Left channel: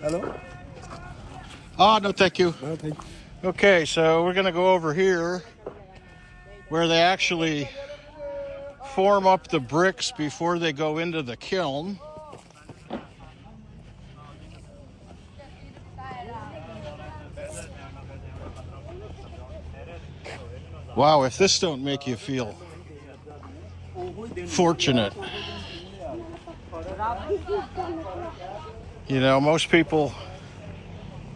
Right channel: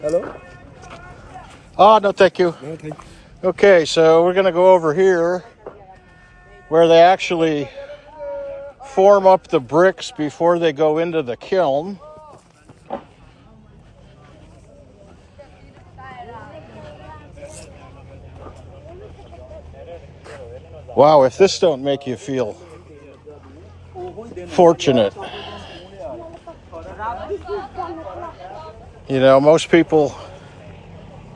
Hello? Oh, no, thank you. No, thank you. Okay, so we're going to go over here where they actually form up the bricks before they go into the kiln. Wow, if this don't make you feel fortunate. You know, most people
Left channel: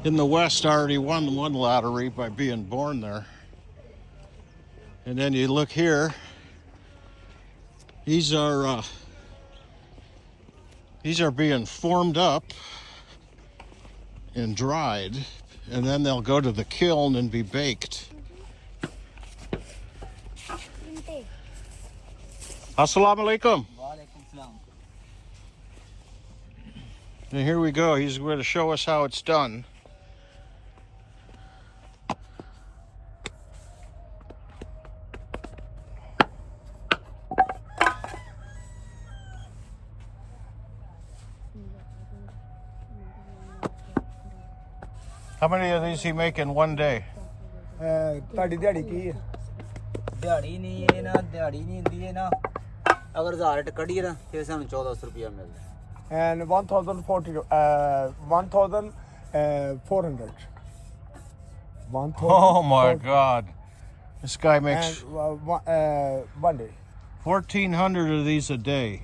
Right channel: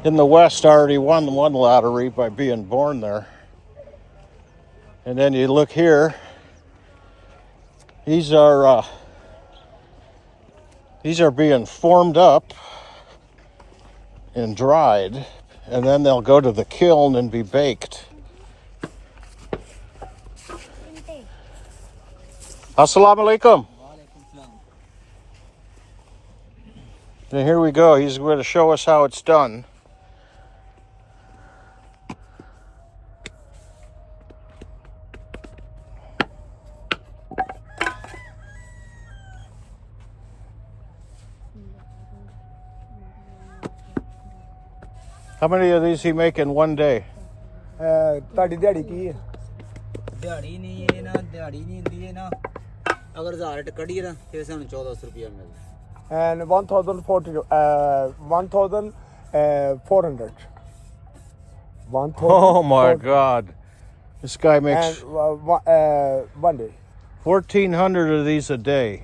in the West already won one lottery by being born there. And then you look here, these are being formed up and dried, and then they'll go to the kiln and be baked. Assalamu alaikum. And here we go. He's going to show us how it's done. How many of these he make in one day? ਤੁਹਾਡੀ ਦਿਹਾੜੀ ਕੀ ਹੈ? ਦਿਹਾੜੀ ਨਹੀਂ ਇਹ ਨਾ ਦਿਹਾੜੀ ਨਹੀਂ ਹੁੰਦੀ ਇਹ ਨਾ ਅਗਰ 1000 ਟ ਕੱਢੀਏ ਨਾ ਫਿਰ ਸਾਨੂੰ 1400 ਰੁਪਇਆ ਮਿਲਦਾ And 1,400. 1,400. Oh my God. This guy makes And one day. 1,400 of these a day.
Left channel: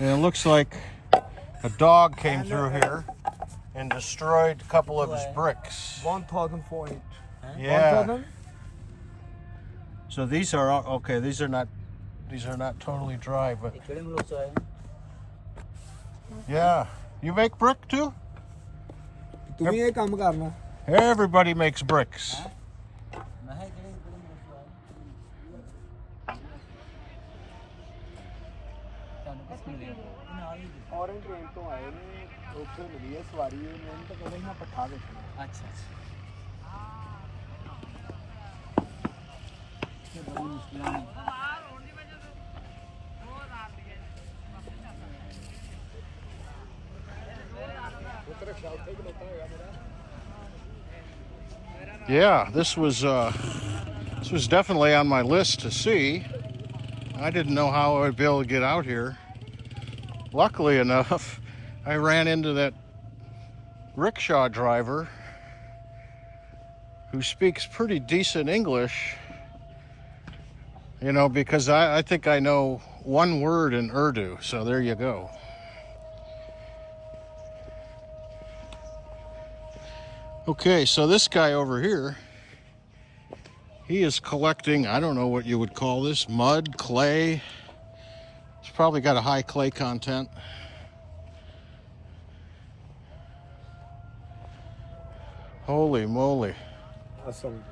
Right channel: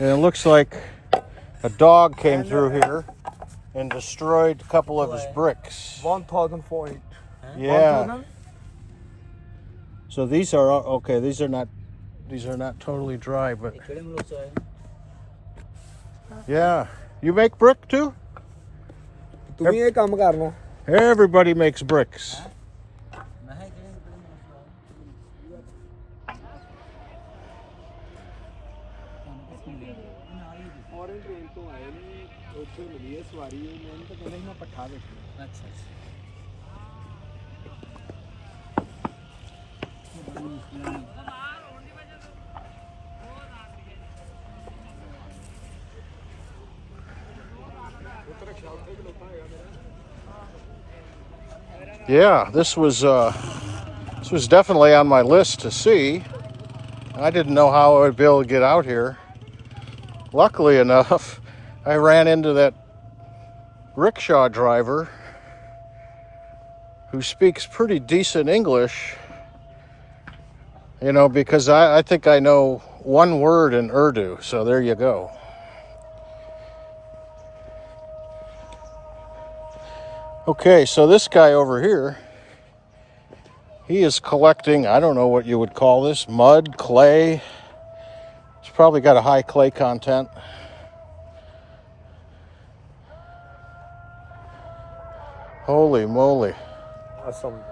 And it looks like a dog came through here and destroyed a couple of his bricks. 1,400. Yeah. 1,000? So these are okay, these are not totally dry, but ਇਹ ਕਿਹੜੇ ਮੁਲਕ ਤੋਂ ਆਏ yeah. You make brick too? ਤੂੰ ਵੀ ਇਹ ਕੰਮ ਕਰਨਾ? Everybody makes bricks. ਮੈਂ ਕਿਹਾ ਕਿਹੜੇ ਮੁਲਕ ਤੋਂ ਆਏ ਤੁਹਾਨੂੰ ਕਿਸ ਮਿਲਿਆ ਨਾਲ ਹੀ ਫੋਰਨ ਟ੍ਰੇਨ ਤੋਂ ਆਏ ਨੇ ਉੱਥੇ ਮਿਲੀ ਹੈ ਸਵਾਰੀ ਮੈਨੂੰ ਤਾਂ ਕਹਿੰਦੇ ਮੈਂ ਪਠਾ ਦੇਖਣਾ ਅੱਛਾ ਇਹ ਬੜੀ ਮੁਸ਼ਕਿਲਾਂ ਨੇ Yeah, this was definitely on my list to see. I didn't know how I would be able to get out here. Luckily enough, I ran into that rickshaw driver who speaks pretty decent English, you know, because I think I know one word in Urdu, so there you go. Okay, so this guy over here, he is collecting, I don't know what you would call this, mud, clay. It's probably got a high clay content. Holy moly. Assalamu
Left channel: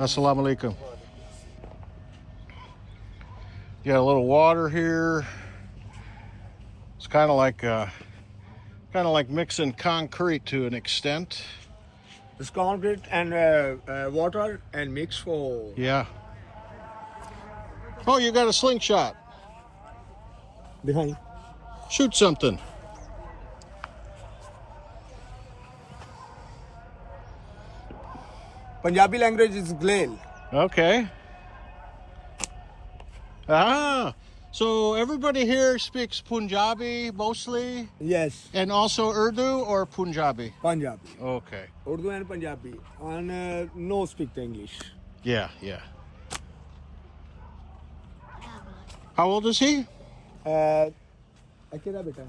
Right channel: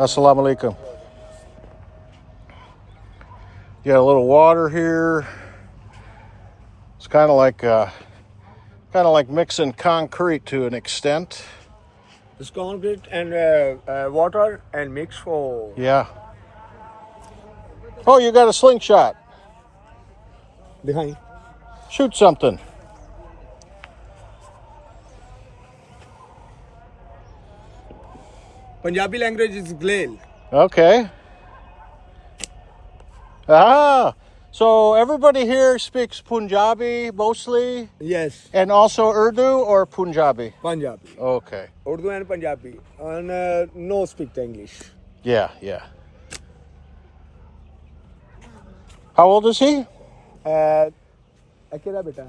alaikum. You got a little water here. It's kind of like mixing concrete to an extent. It's concrete and water and mix for. Yeah. Oh, you got a slingshot. Behind. Shoot something. Punjabi language is glail. Okay. Ah, so everybody here speaks Punjabi mostly, Yes. and also Urdu or Punjabi? Punjabi. Okay. Urdu and Punjabi. And no speak English. Yeah, yeah. How old is he? Akira beta.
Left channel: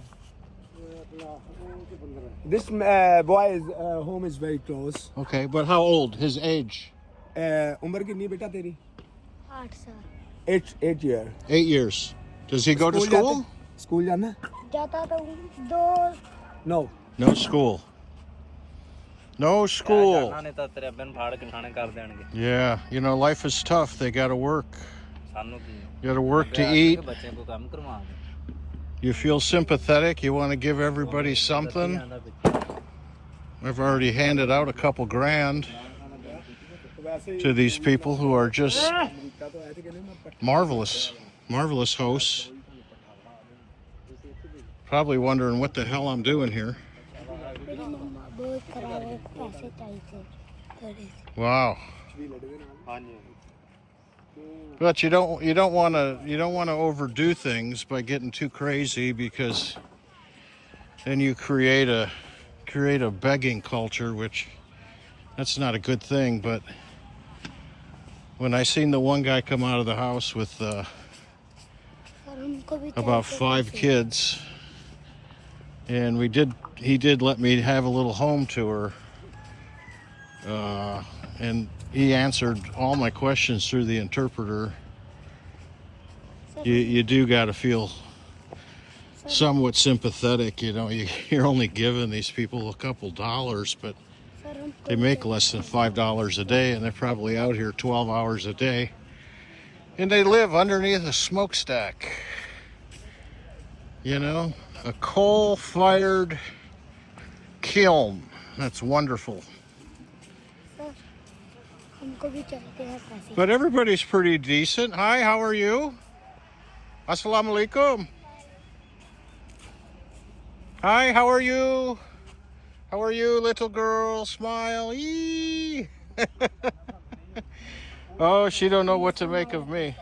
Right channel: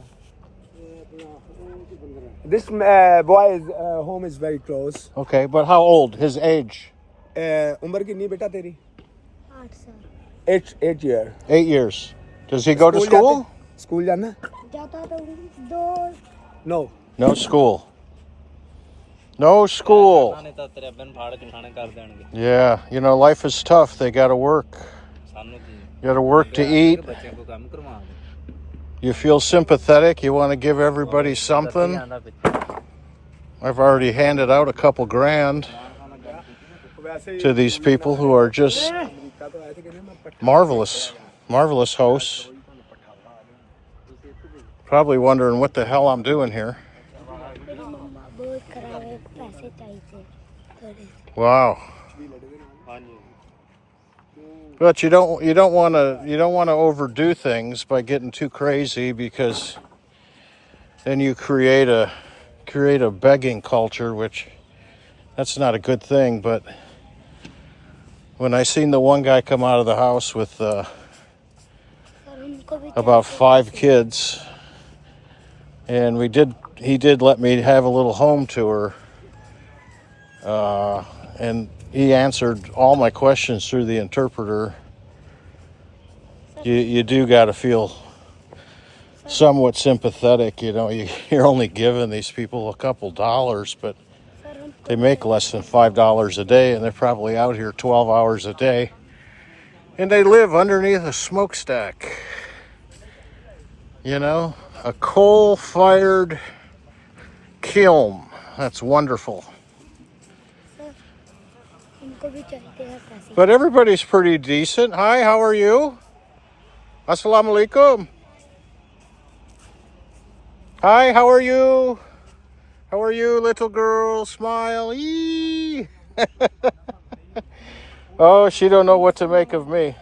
This boy's home is very close. Okay, but how old? His age? उम्र कितनी बेटा तेरी? 8 साल 8 year. 8 years. Does he go to school? School जाना? जाता तो 2 No. No school. No school. ਨੇ ਤਾਂ ਤੇਰੇ ਅੱਬੇ ਨੂੰ ਫਾੜ ਕੇ ਖਾਣੇ ਕਰ ਦੇਣਗੇ Yeah, you know, life is tough. They got to work. ਸਾਨੂੰ ਕੀ You got to work to eat. ਬੱਚਿਆਂ ਕੋ ਕੰਮ ਕਰਵਾ ਦੇ You feel sympathetic. You want to give everybody something. I've already handed out a couple grand to these people who are just marvelous hosts. Probably wondering what the hell I'm doing here. मेरी मम्मा बहुत खराब है पैसे चाहिए थोड़े से Wow. But you don't want to overdo things by getting too crazy, because then you create a begging culture, which that's not a good thing. But when I seen the one guy come out of the house with sir उनको भी about 5 kids, and he did let me have a little home tour, and he answered all my questions through the interpreter. You do got to feel somewhat sympathetic, you know. You're only giving these people a couple dollars, but sir हमको they make less than $5 a day, and they're probably out here 12 hours a day, and they live underneath a smokestack, you know, a coal-fired kiln. That's wonderful. Sir हमको भी चाहिए हैं पैसे But everybody's pretty decent. Hi, how are you? Assalamu alaikum. Hi, how are you? How are you, little girl? Smile. Eee. Oh, she don't know what to make of me.